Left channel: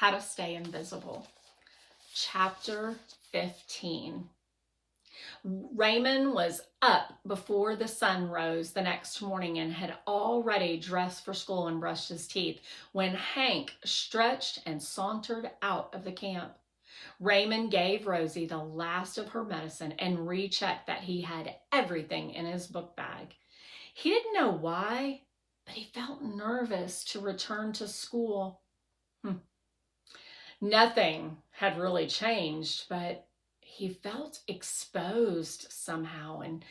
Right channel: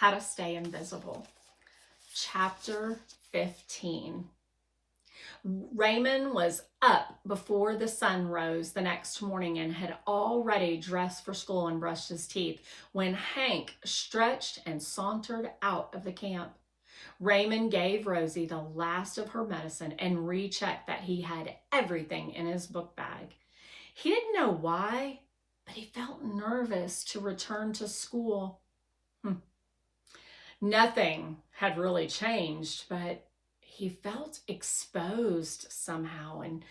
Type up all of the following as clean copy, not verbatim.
How to Stay Invisible. Chapter 15. Raymond was up before the sun rose the next morning and had already dressed for school and brushed his teeth when Hank stretched and sauntered out of the camp. Raymond gave Rosie the last of her medicine and rechecked that he had everything in his book bag. He didn't know why, but he felt nervous to return to school. Nothing had really changed, but he felt exposed somehow and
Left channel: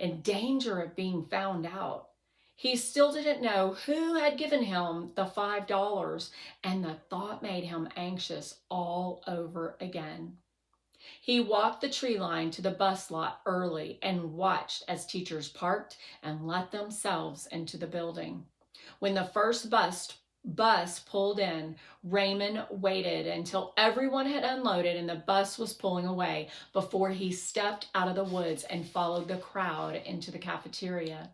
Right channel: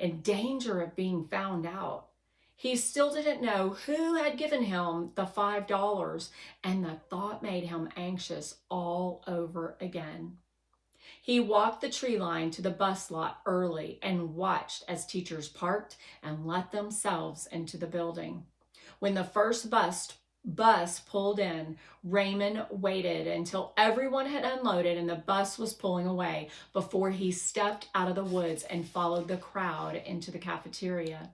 in danger of being found out. He still didn't know who had given him the $5, and the thought made him anxious all over again. He walked the tree line to the bus lot early and watched as teachers parked and let themselves into the building. When the first bus pulled in, Raymond waited until everyone had unloaded and the bus was pulling away before he stepped out of the woods and followed the crowd into the cafeteria.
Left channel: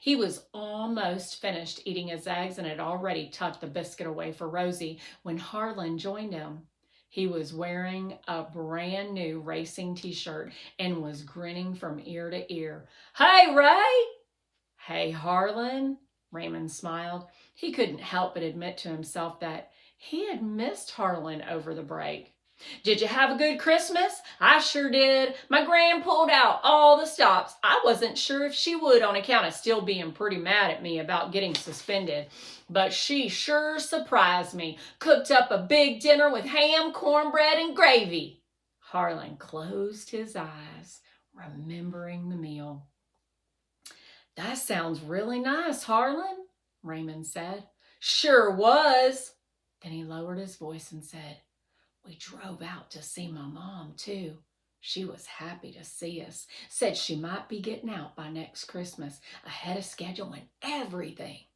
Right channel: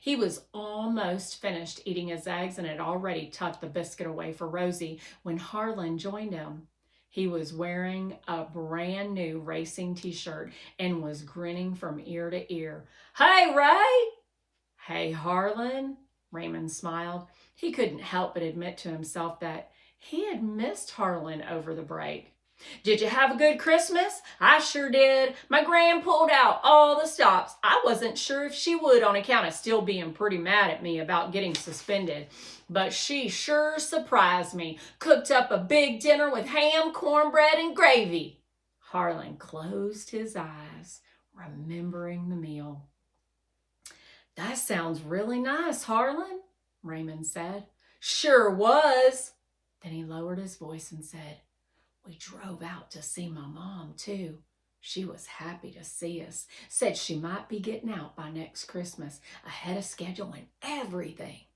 He was almost finished eating his eggs and had already tucked the biscuit away for Rosie when Harlan joined him. He was wearing a brand new racing t-shirt and was grinning from ear to ear. "Hey, Ray!" "Hey, Harlan," Raymond smiled. He couldn't help but admit to himself that he had missed Harlan over the break. "Did you have a good Christmas?" "I sure did. My gran pulled out all the stops. I wasn't sure if she would on account of still being pretty mad at me about getting suspended. But she sure surprised me. Cooked up a big dinner with ham, cornbread, and gravy." Harlan closed his eyes, remembering the meal. "That sounds really nice, Harlan," Raymond said. "Sure was." Then he lowered his voice and said, "We drove out to see my mom, too. She was happy to see us. Said she might be getting out by next Christmas, ahead of schedule and everything."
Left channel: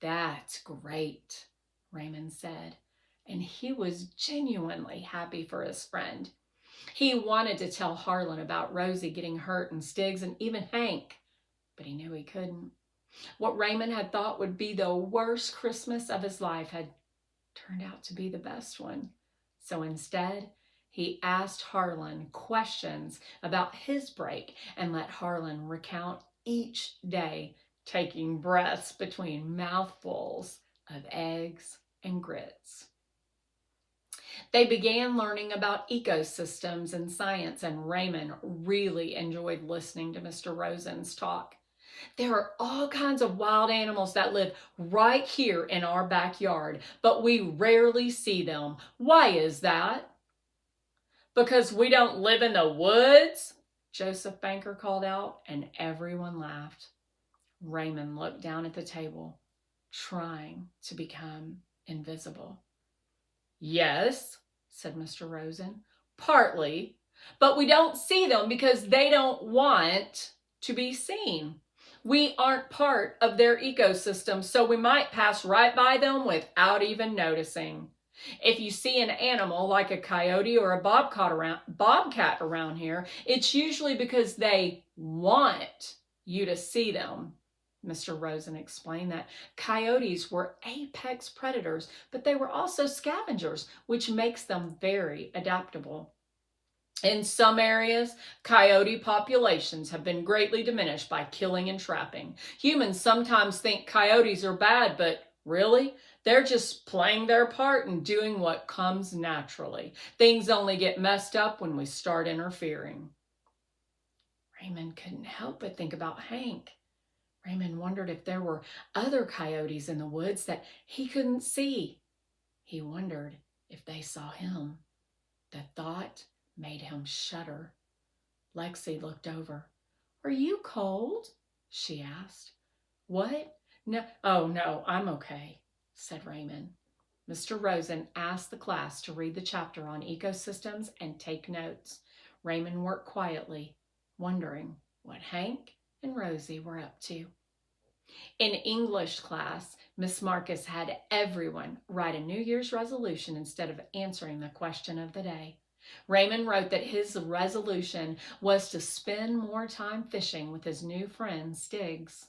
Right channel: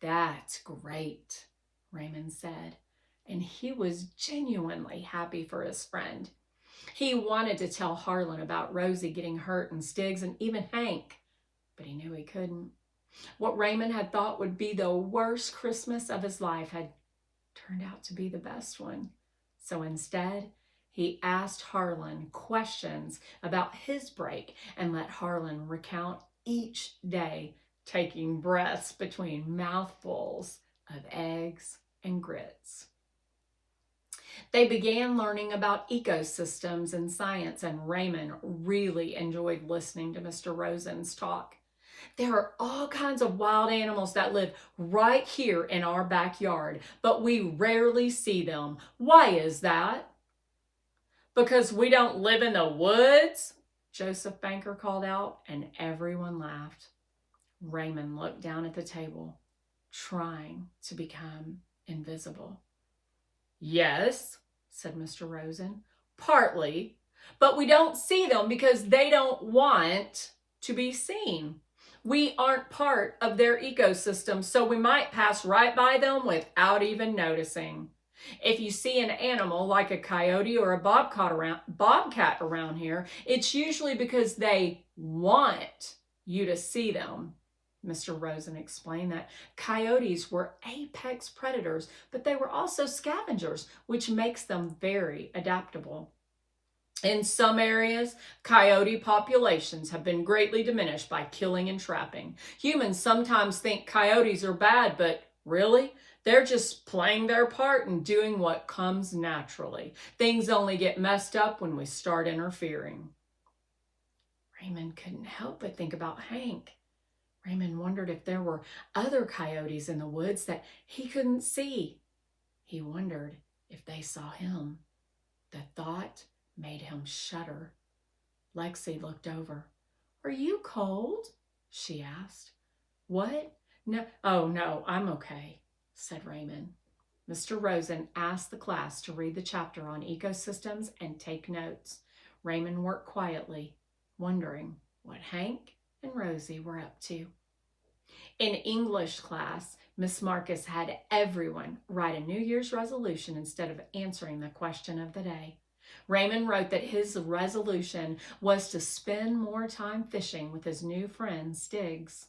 "That's great," Raymond said, and he was genuinely happy for his friend. He wanted to tell Harlan about Rosie getting hurt and Stiggs and even Hank, but he knew he couldn't. What Raymond had thought would be the worst Christmas of his life had turned out to be the best one. So instead, he asked Harlan questions about his break and let Harlan recount each day, taking breaths between mouthfuls of eggs and grits. They began learning about ecosystems and science, and Raymond really enjoyed listening to Mr. Rosen's talk. "There are all kinds of wild animals that live right here in our backyard, but we rarely see them. Why is that?" "Because we don't live in the woods," Joseph Banker called out, and everyone laughed. Raymond looked down at the table, trying to become invisible. "Yes," said Mr. Rosen, "partly, but we don't see them because they don't want to be seen. We aren't part of their ecosystem, so we might pass right by them without even noticing. If you see an animal like a coyote or a bobcat around here, it's usually because they want you to see them." Mr. Rosen explained that coyotes were apex predators, but they were also scavengers, which makes them very adaptable. In some areas, coyote populations have been greatly diminished by killing and trapping. Humans sometimes think coyotes are bad, but really, they're just playing their part and doing what comes naturally. Things only get messed up when we start interfering. Raymond couldn't help but think about Hank. Raymond wondered if there were other coyotes in the woods that he couldn't see. He wondered if they saw him. The thought made him shudder. Lexi looked over. "Are you cold?" she asked. "What? No, oh no, I'm okay," said Raymond. Mr. Rosen asked the class to read the chapter on ecosystems and take notes. Raymond worked quietly, wondering what Hank and Rosie were up to. In English class, Miss Marcus had everyone write a New Year's resolution instead of answering the question of the day. Raymond wrote that his resolution was to spend more time fishing with his new friend, Stiggs.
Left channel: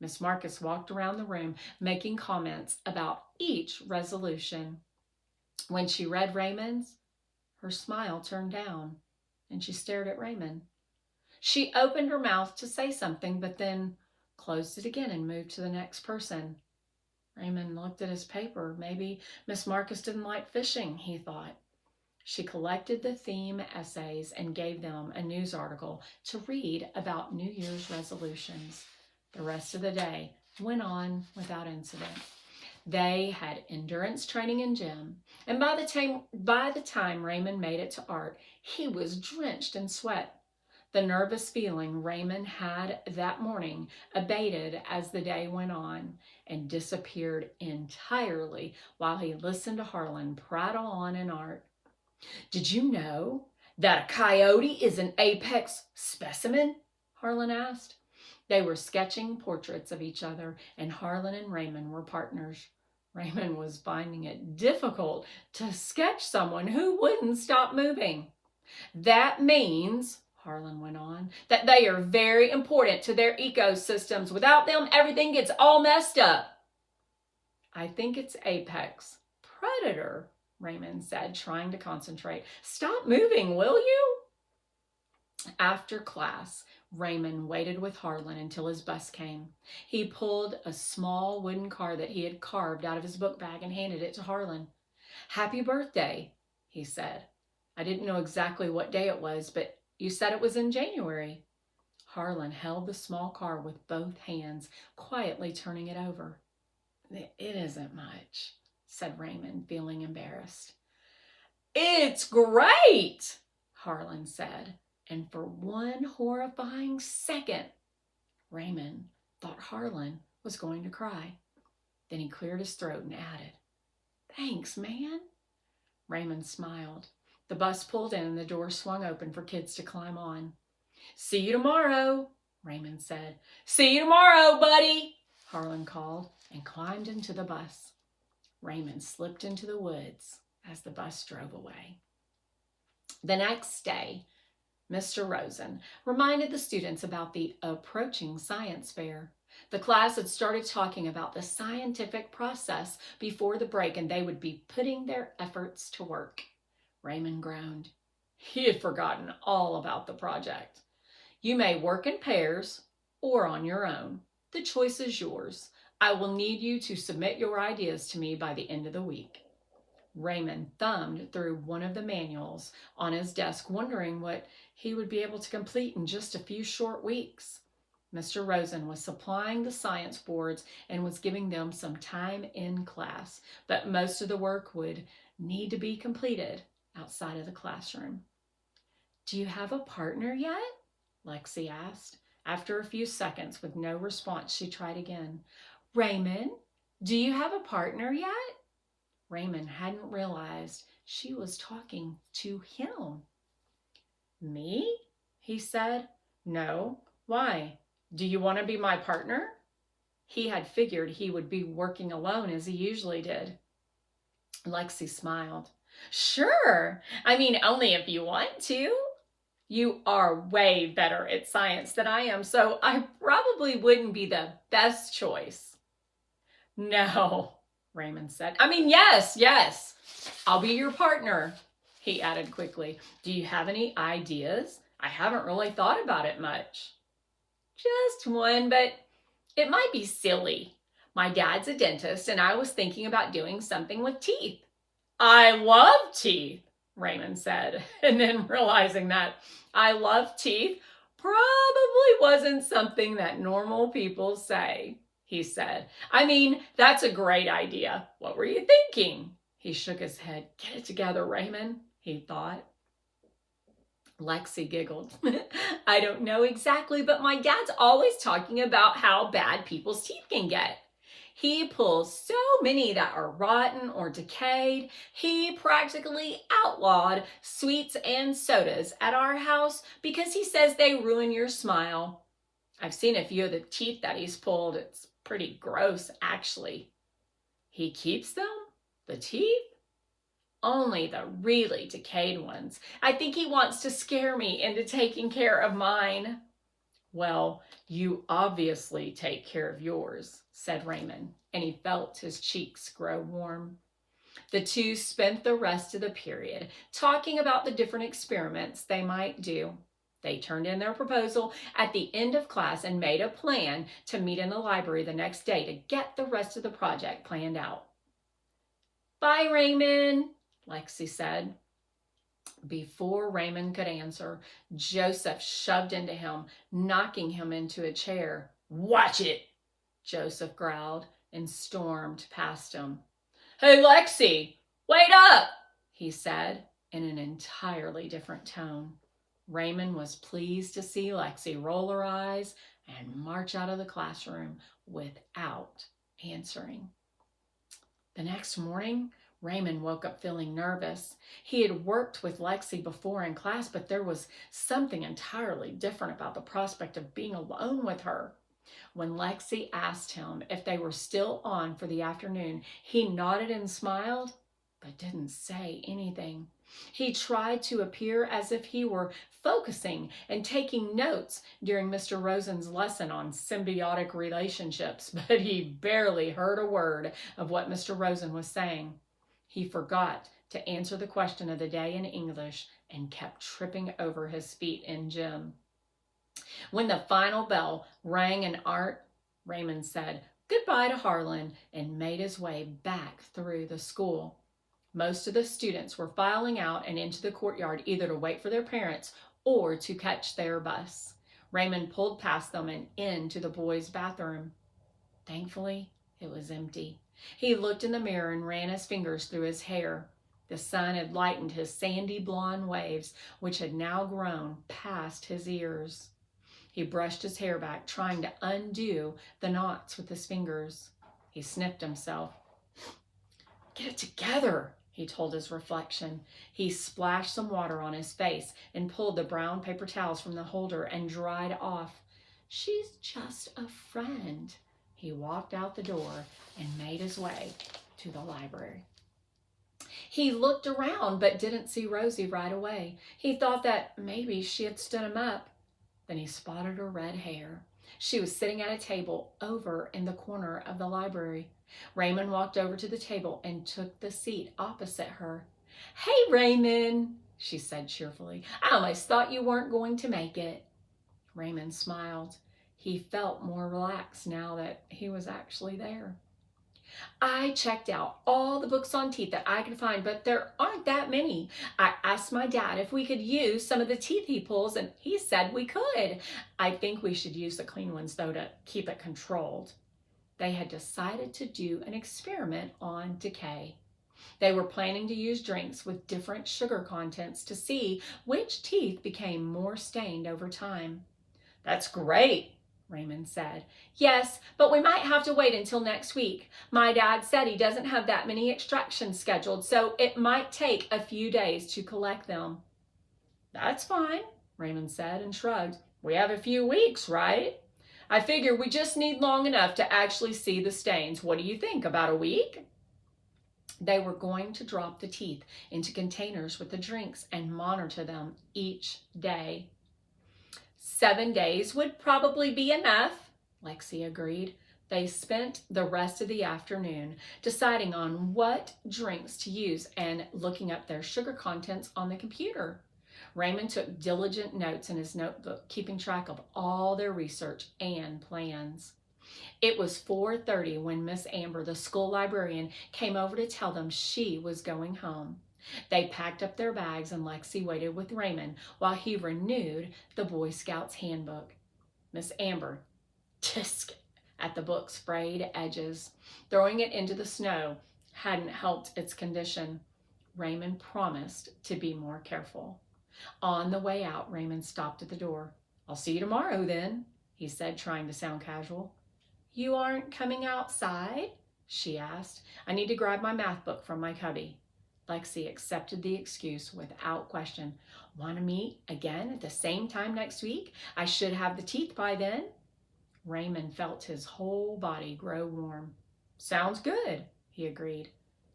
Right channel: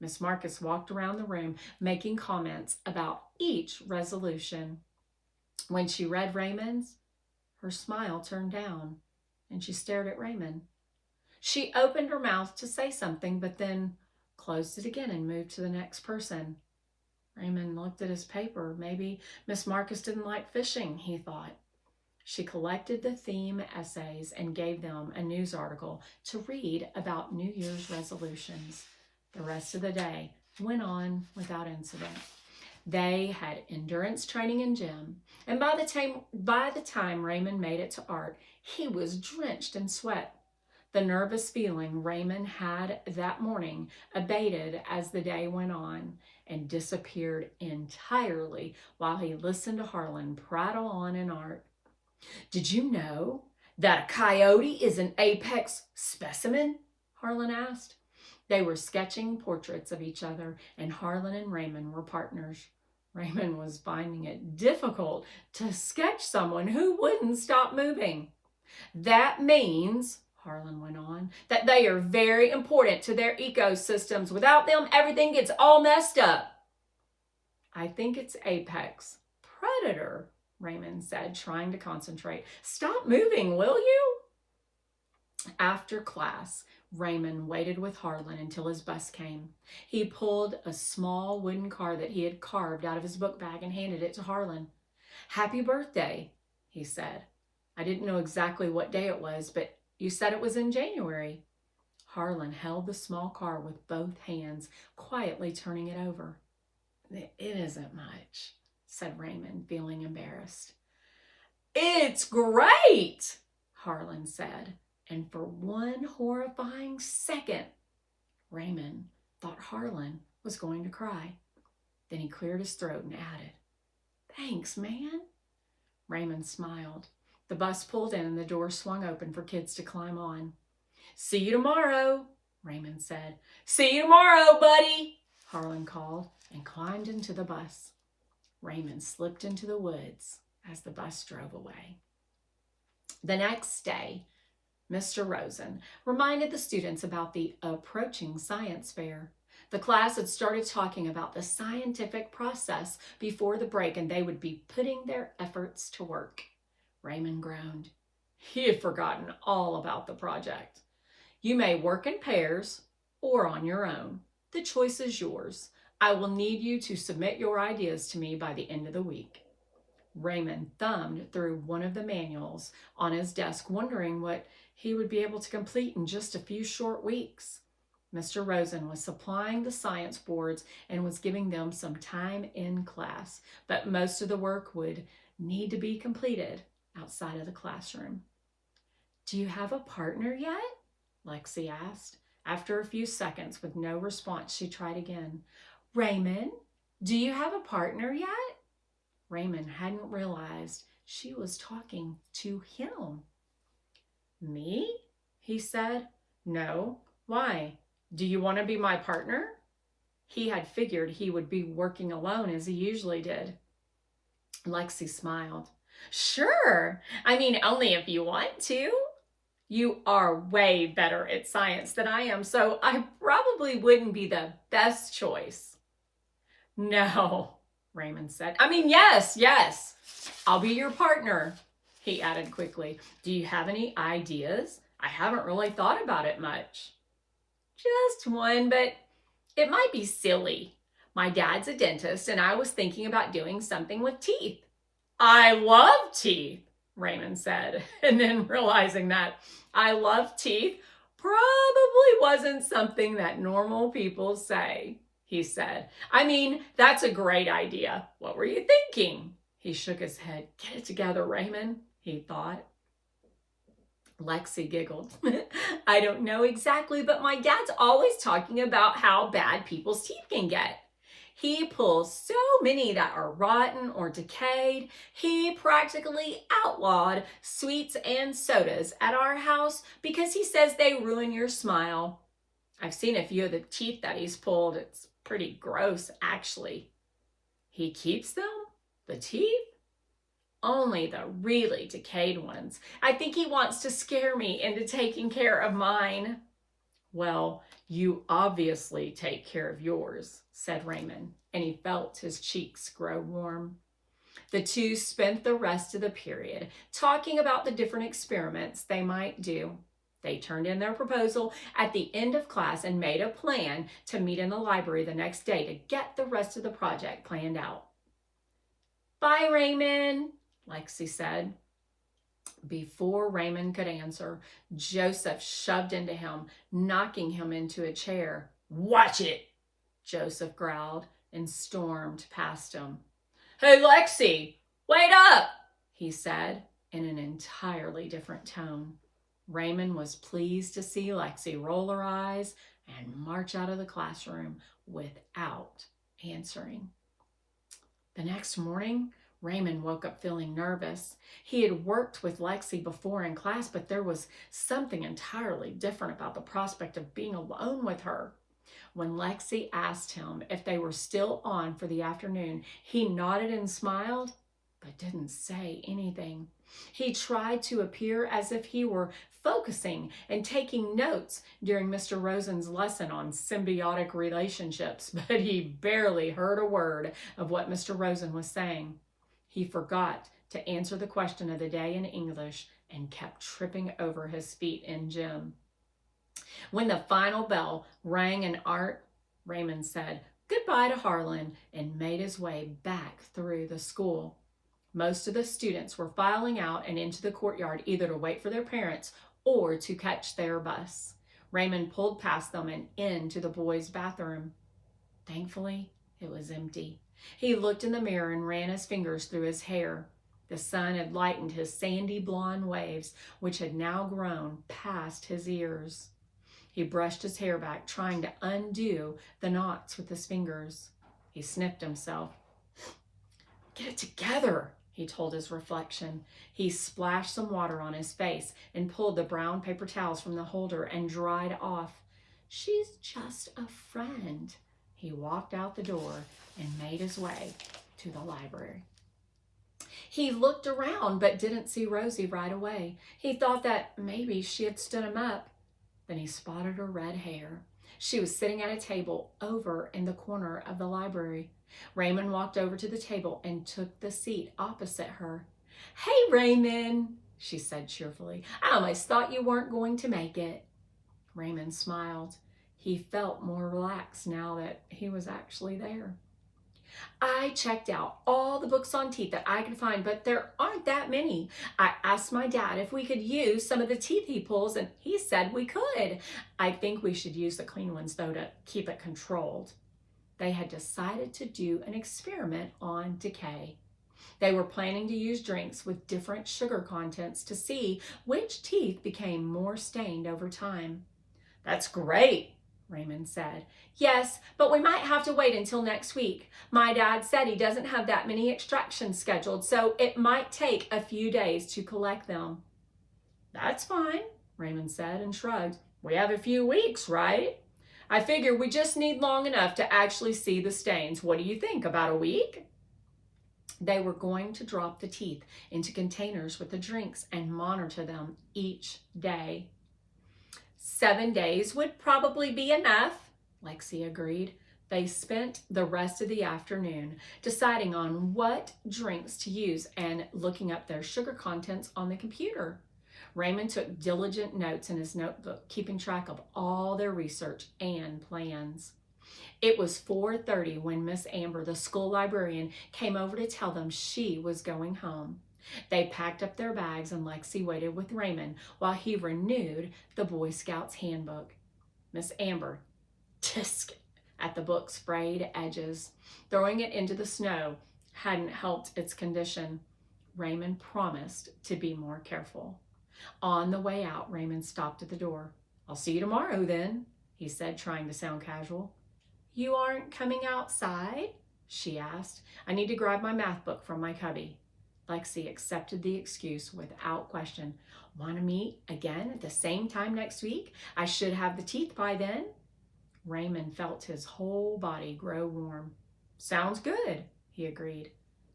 Miss Marcus walked around the room making comments about each resolution. When she read Raymond's, her smile turned down, and she stared at Raymond. She opened her mouth to say something, but then closed it again and moved to the next person. Raymond looked at his paper. Maybe Miss Marcus didn't like fishing, he thought. She collected the theme essays and gave them a news article to read about New Year's resolutions. The rest of the day went on without incident. They had endurance training in gym, and by the time Raymond made it to art, he was drenched in sweat. The nervous feeling Raymond had that morning abated as the day went on and disappeared entirely while he listened to Harlan prattle on in art. Did you know that a coyote is an apex specimen? Harlan asked. They were sketching portraits of each other, and Harlan and Raymond were partners. Raymond was finding it difficult to sketch someone who wouldn't stop moving. That means, Harlan went on, that they are very important to their ecosystems. Without them, everything gets all messed up. I think it's apex predator, Raymond said, trying to concentrate. Stop moving, will you? After class, Raymond waited with Harlan until his bus came. He pulled a small wooden car that he had carved out of his book bag and handed it to Harlan. Happy birthday, he said. I didn't know exactly what day it was, but you said it was in January. Harlan held the small car with both hands, quietly turning it over. It isn't much, said Raymond, feeling embarrassed. It's great, Harlan said. And for one horrifying second, Raymond thought Harlan was going to cry. Then he cleared his throat and added, Thanks, man. Raymond smiled. The bus pulled in and the door swung open for kids to climb on. See you tomorrow, Raymond said. See you tomorrow, buddy, Harlan called and climbed into the bus. Raymond slipped into the woods as the bus drove away. The next day, Mr. Rosen reminded the students about the approaching science fair. The class had started talking about the scientific process before the break, and they would be putting their efforts to work. Raymond groaned. He had forgotten all about the project. You may work in pairs or on your own. The choice is yours. I will need you to submit your ideas to me by the end of the week. Raymond thumbed through one of the manuals on his desk, wondering what he would be able to complete in just a few short weeks. Mr. Rosen was supplying the science boards and was giving them some time in class, but most of the work would need to be completed outside of the classroom. Do you have a partner yet? Lexi asked. After a few seconds with no response, she tried again. Raymond, do you have a partner yet? Raymond hadn't realized she was talking to him. Me? He said. No. Why? Do you want to be my partner? He had figured he would be working alone as he usually did. Lexi smiled. Sure. I mean, only if you want to. You are way better at science than I am, so I probably wouldn't be the best choice. No, Raymond said. I mean, yes. I'll be your partner, he added quickly. Do you have any ideas? I haven't really thought about it much. Just one, but it might be silly. My dad's a dentist, and I was thinking about doing something with teeth. I love teeth, Raymond said, and then realizing that I love teeth probably wasn't something that normal people say, he said. I mean, that's a great idea. What were you thinking? He shook his head. Get it together, Raymond, he thought. Lexi giggled. I don't know exactly, but my dad's always talking about how bad people's teeth can get. He pulls so many that are rotten or decayed. He practically outlawed sweets and sodas at our house because he says they ruin your smile. I've seen a few of the teeth that he's pulled. It's pretty gross, actually. He keeps them? The teeth? Only the really decayed ones. I think he wants to scare me into taking care of mine. Well, you obviously take care of yours, said Raymond, and he felt his cheeks grow warm. The two spent the rest of the period talking about the different experiments they might do. They turned in their proposal at the end of class and made a plan to meet in the library the next day to get the rest of the project planned out. "Bye, Raymond," Lexi said. Before Raymond could answer, Joseph shoved into him, knocking him into a chair. "Watch it," Joseph growled and stormed past him. "Hey, Lexi, wait up," he said in an entirely different tone. Raymond was pleased to see Lexi roll her eyes and march out of the classroom without answering. The next morning, Raymond woke up feeling nervous. He had worked with Lexi before in class, but there was something entirely different about the prospect of being alone with her. When Lexi asked him if they were still on for the afternoon, he nodded and smiled, but didn't say anything. He tried to appear as if he were focusing and taking notes during Mr. Rosen's lesson on symbiotic relationships, but he barely heard a word of what Mr. Rosen was saying. He forgot to answer the question of the day in English and kept tripping over his feet in gym. When the final bell rang in art, Raymond said goodbye to Harlan and made his way back through the school. Most of the students were filing out and into the courtyard either to wait for their parents or to catch their bus. Raymond pulled past them and into the boys' bathroom. Thankfully, it was empty. He looked in the mirror and ran his fingers through his hair. The sun had lightened his sandy blonde waves, which had now grown past his ears. He brushed his hair back, trying to undo the knots with his fingers. He sniffed himself. "Get it together," he told his reflection. He splashed some water on his face and pulled the brown paper towels from the holder and dried off. "She's just a friend." He walked out the door and made his way to the library. He looked around but didn't see Rosie right away. He thought that maybe she had stood him up. Then he spotted her red hair. She was sitting at a table over in the corner of the library. Raymond walked over to the table and took the seat opposite her. "Hey, Raymond," she said cheerfully. "I almost thought you weren't going to make it." Raymond smiled. He felt more relaxed now that he was actually there. "I checked out all the books on teeth that I could find, but there aren't that many. I asked my dad if we could use some of the teeth he pulls, and he said we could. I think we should use the clean ones, though, to keep it controlled." They had decided to do an experiment on decay. They were planning to use drinks with different sugar contents to see which teeth became more stained over time. "That's great," Raymond said. "Yes, but we might have to wait until next week. My dad said he doesn't have that many extractions scheduled, so it might take a few days to collect them." "That's fine," Raymond said and shrugged. "We have a few weeks, right? I figure we just need long enough to actually see the stains. What do you think, about a week?" They were going to drop the teeth into containers with the drinks and monitor them each day. 7 days would probably be enough, Lexi agreed. They spent the rest of the afternoon deciding on what drinks to use and looking up their sugar contents on the computer. Raymond took diligent notes in his notebook, keeping track of all their research and plans. It was 4:30 when Miss Amber, the school librarian, came over to tell them she was going home. They packed up their bags and Lexi waited with Raymond while he renewed the Boy Scouts handbook. Miss Amber tisked at the book's frayed edges. Throwing it into the snow hadn't helped its condition. Raymond promised to be more careful. On the way out, Raymond stopped at the door. "I'll see you tomorrow then," he said, trying to sound casual. "You aren't coming outside?" she asked. "I need to grab my math book from my cubby." Lexi accepted the excuse without question. "Want to meet again at the same time next week? I should have the teeth by then." Raymond felt his whole body grow warm. "Sounds good," he agreed.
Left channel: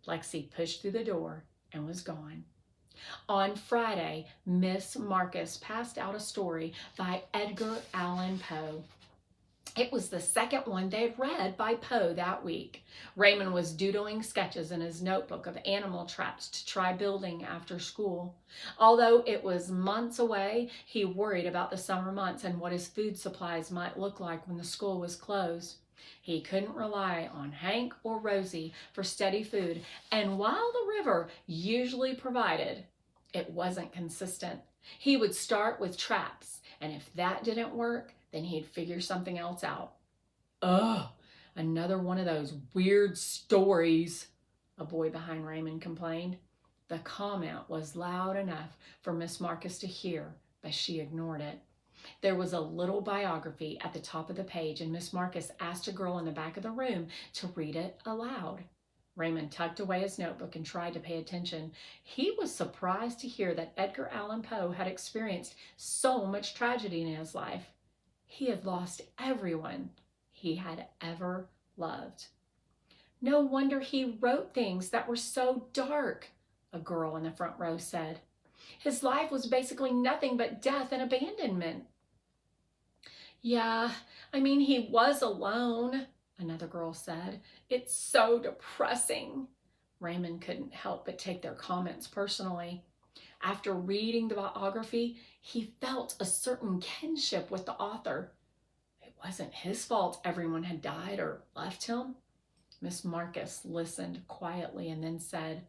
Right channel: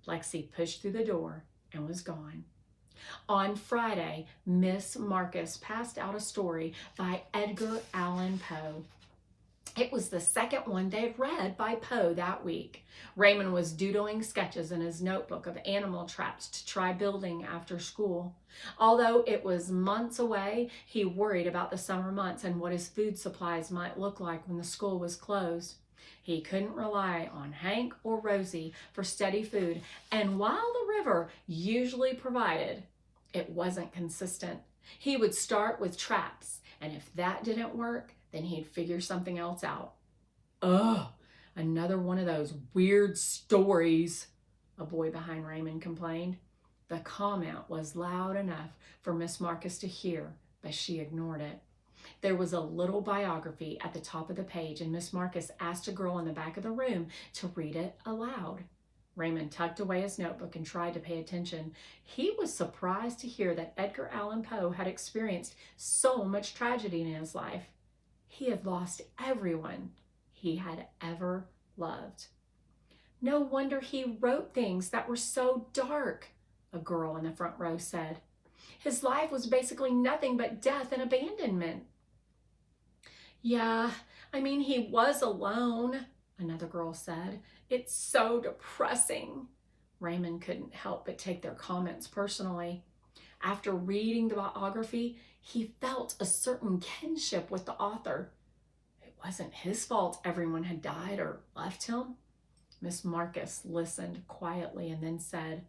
Lexi pushed through the door and was gone. On Friday, Miss Marcus passed out a story by Edgar Allan Poe. It was the second one they had read by Poe that week. Raymond was doodling sketches in his notebook of animal traps to try building after school. Although it was months away, he worried about the summer months and what his food supplies might look like when the school was closed. He couldn't rely on Hank or Rosie for steady food, and while the river usually provided, it wasn't consistent. He would start with traps, and if that didn't work, then he'd figure something else out. Ugh, another one of those weird stories, a boy behind Raymond complained. The comment was loud enough for Miss Marcus to hear, but she ignored it. There was a little biography at the top of the page, and Miss Marcus asked a girl in the back of the room to read it aloud. Raymond tucked away his notebook and tried to pay attention. He was surprised to hear that Edgar Allan Poe had experienced so much tragedy in his life. He had lost everyone he had ever loved. No wonder he wrote things that were so dark, a girl in the front row said. His life was basically nothing but death and abandonment. Yeah, he was alone, another girl said. It's so depressing. Raymond couldn't help but take their comments personally. After reading the biography, he felt a certain kinship with the author. It wasn't his fault everyone had died or left him. Miss Marcus listened quietly and then said,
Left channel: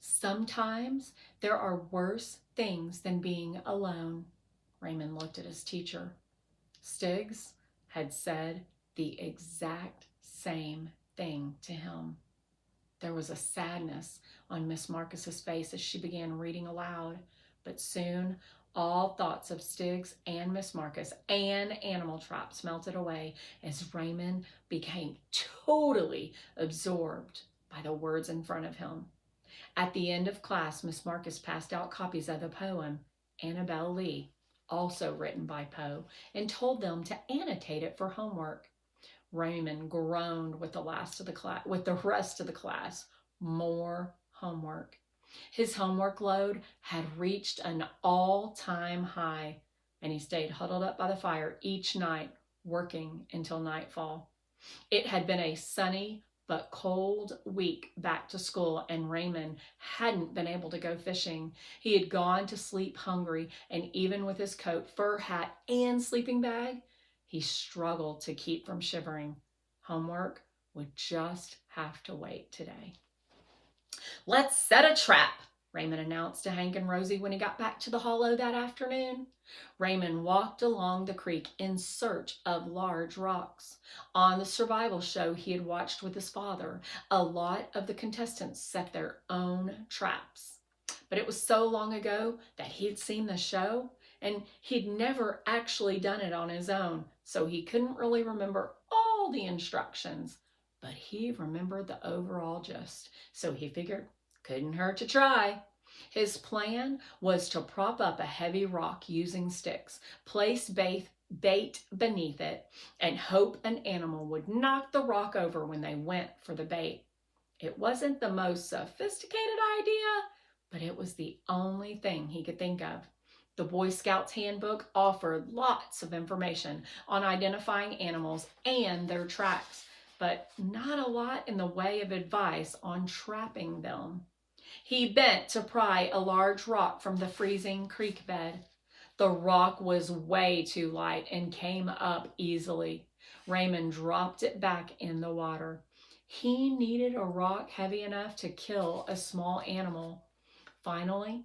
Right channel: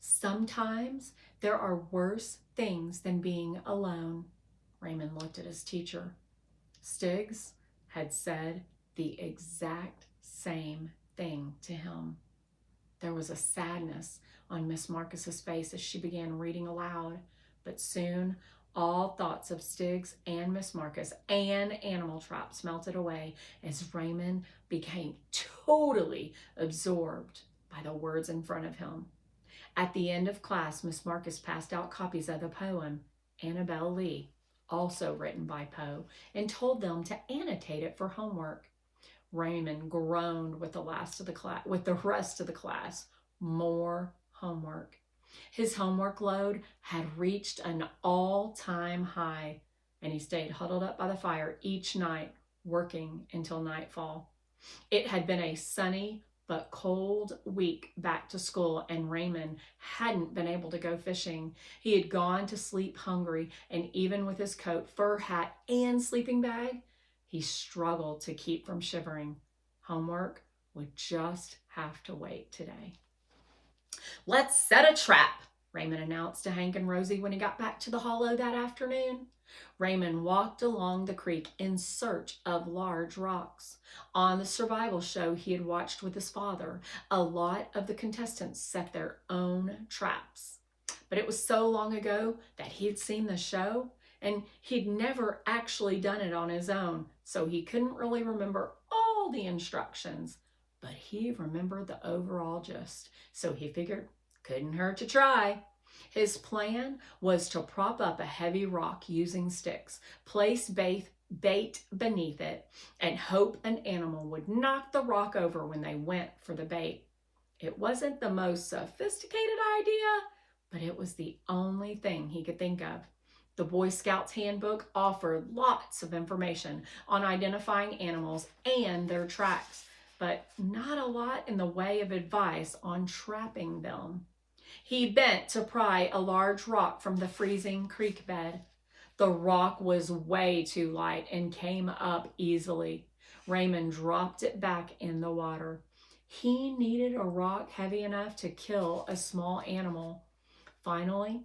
"Sometimes there are worse things than being alone." Raymond looked at his teacher. Stiggs had said the exact same thing to him. There was a sadness on Miss Marcus's face as she began reading aloud, but soon all thoughts of Stiggs and Miss Marcus and animal traps melted away as Raymond became totally absorbed by the words in front of him. At the end of class, Miss Marcus passed out copies of the poem Annabel Lee, also written by Poe, and told them to annotate it for homework. Raymond groaned with the rest of the class. More homework. His homework load had reached an all-time high, and he stayed huddled up by the fire each night, working until nightfall. It had been a sunny but cold week back to school, and Raymond hadn't been able to go fishing. He had gone to sleep hungry, and even with his coat, fur hat, and sleeping bag, he struggled to keep from shivering. Homework would just have to wait today. "Let's set a trap," Raymond announced to Hank and Rosie when he got back to the hollow that afternoon. Raymond walked along the creek in search of large rocks. On the survival show he had watched with his father, a lot of the contestants set their own traps. But it was so long ago that he'd seen the show, and he'd never actually done it on his own, so he couldn't really remember all the instructions. But he remembered the overall gist, so he figured couldn't hurt to try. His plan was to prop up a heavy rock using sticks, place bait beneath it, and hope an animal would knock the rock over when they went for the bait. It wasn't the most sophisticated idea, but it was the only thing he could think of. The Boy Scouts handbook offered lots of information on identifying animals and their tracks, but not a lot in the way of advice on trapping them. He bent to pry a large rock from the freezing creek bed. The rock was way too light and came up easily. Raymond dropped it back in the water. He needed a rock heavy enough to kill a small animal. Finally,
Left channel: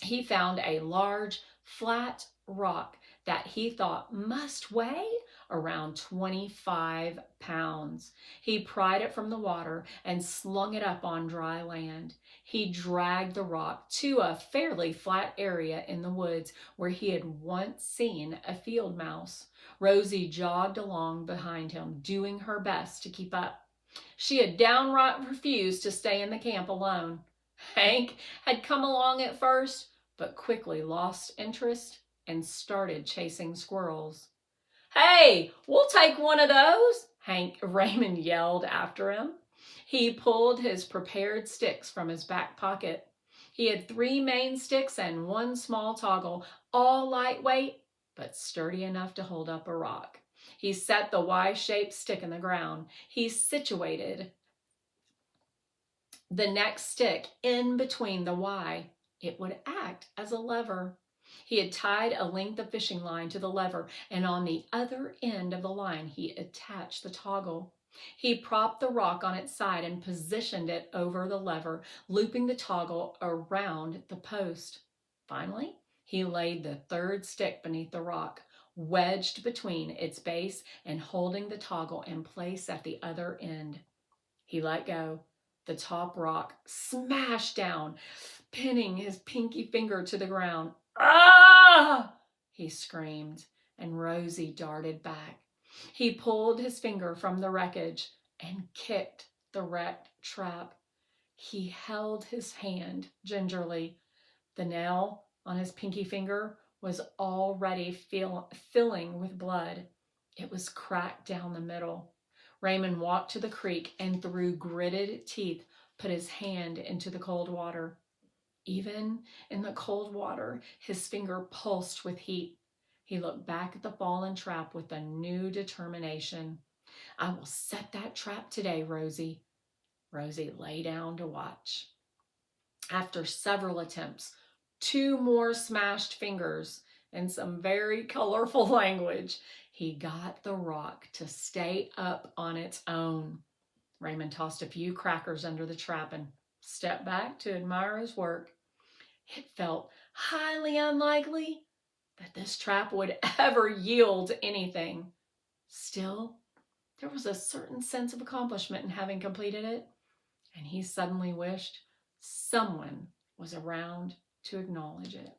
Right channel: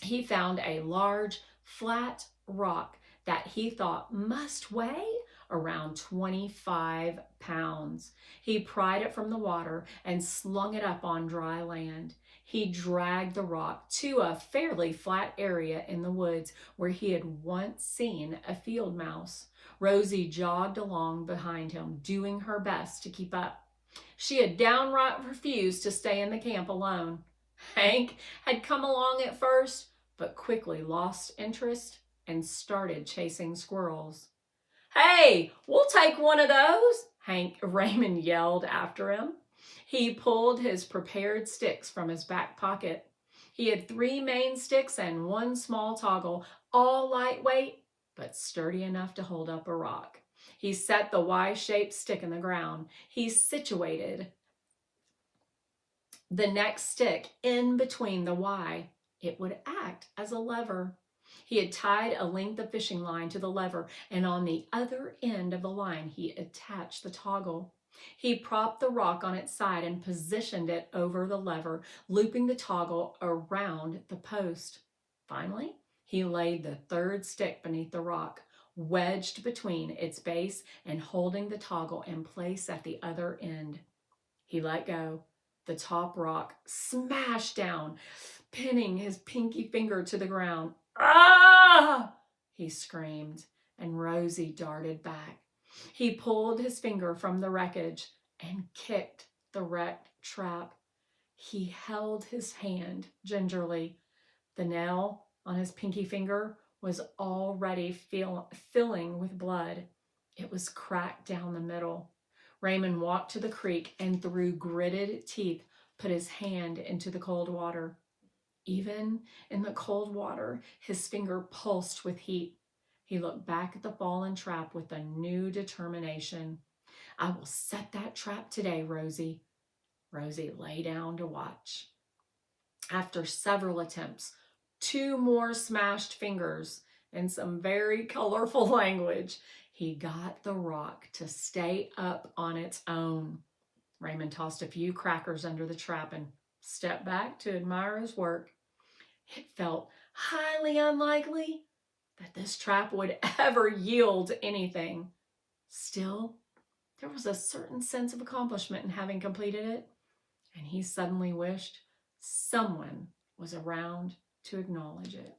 he found a large, flat rock that he thought must weigh around 25 pounds. He pried it from the water and slung it up on dry land. He dragged the rock to a fairly flat area in the woods where he had once seen a field mouse. Rosie jogged along behind him, doing her best to keep up. She had downright refused to stay in the camp alone. Hank had come along at first, but quickly lost interest and started chasing squirrels. "Hey, we'll take one of those," Raymond yelled after him. He pulled his prepared sticks from his back pocket. He had 3 main sticks and 1 small toggle, all lightweight, but sturdy enough to hold up a rock. He set the Y-shaped stick in the ground. He situated the next stick in between the Y. It would act as a lever. He had tied a length of fishing line to the lever, and on the other end of the line, he attached the toggle. He propped the rock on its side and positioned it over the lever, looping the toggle around the post. Finally, he laid the third stick beneath the rock, wedged between its base and holding the toggle in place at the other end. He let go. The top rock smashed down, pinning his pinky finger to the ground. "Ah!" he screamed, and Rosie darted back. He pulled his finger from the wreckage and kicked the wrecked trap. He held his hand gingerly. The nail on his pinky finger was already filling with blood. It was cracked down the middle. Raymond walked to the creek and through gritted teeth put his hand into the cold water. Even in the cold water, his finger pulsed with heat. He looked back at the fallen trap with a new determination. "I will set that trap today, Rosie." Rosie lay down to watch. After several attempts, 2 more smashed fingers, and some very colorful language, he got the rock to stay up on its own. Raymond tossed a few crackers under the trap and stepped back to admire his work. It felt highly unlikely that this trap would ever yield anything. Still, there was a certain sense of accomplishment in having completed it, and he suddenly wished someone was around to acknowledge it.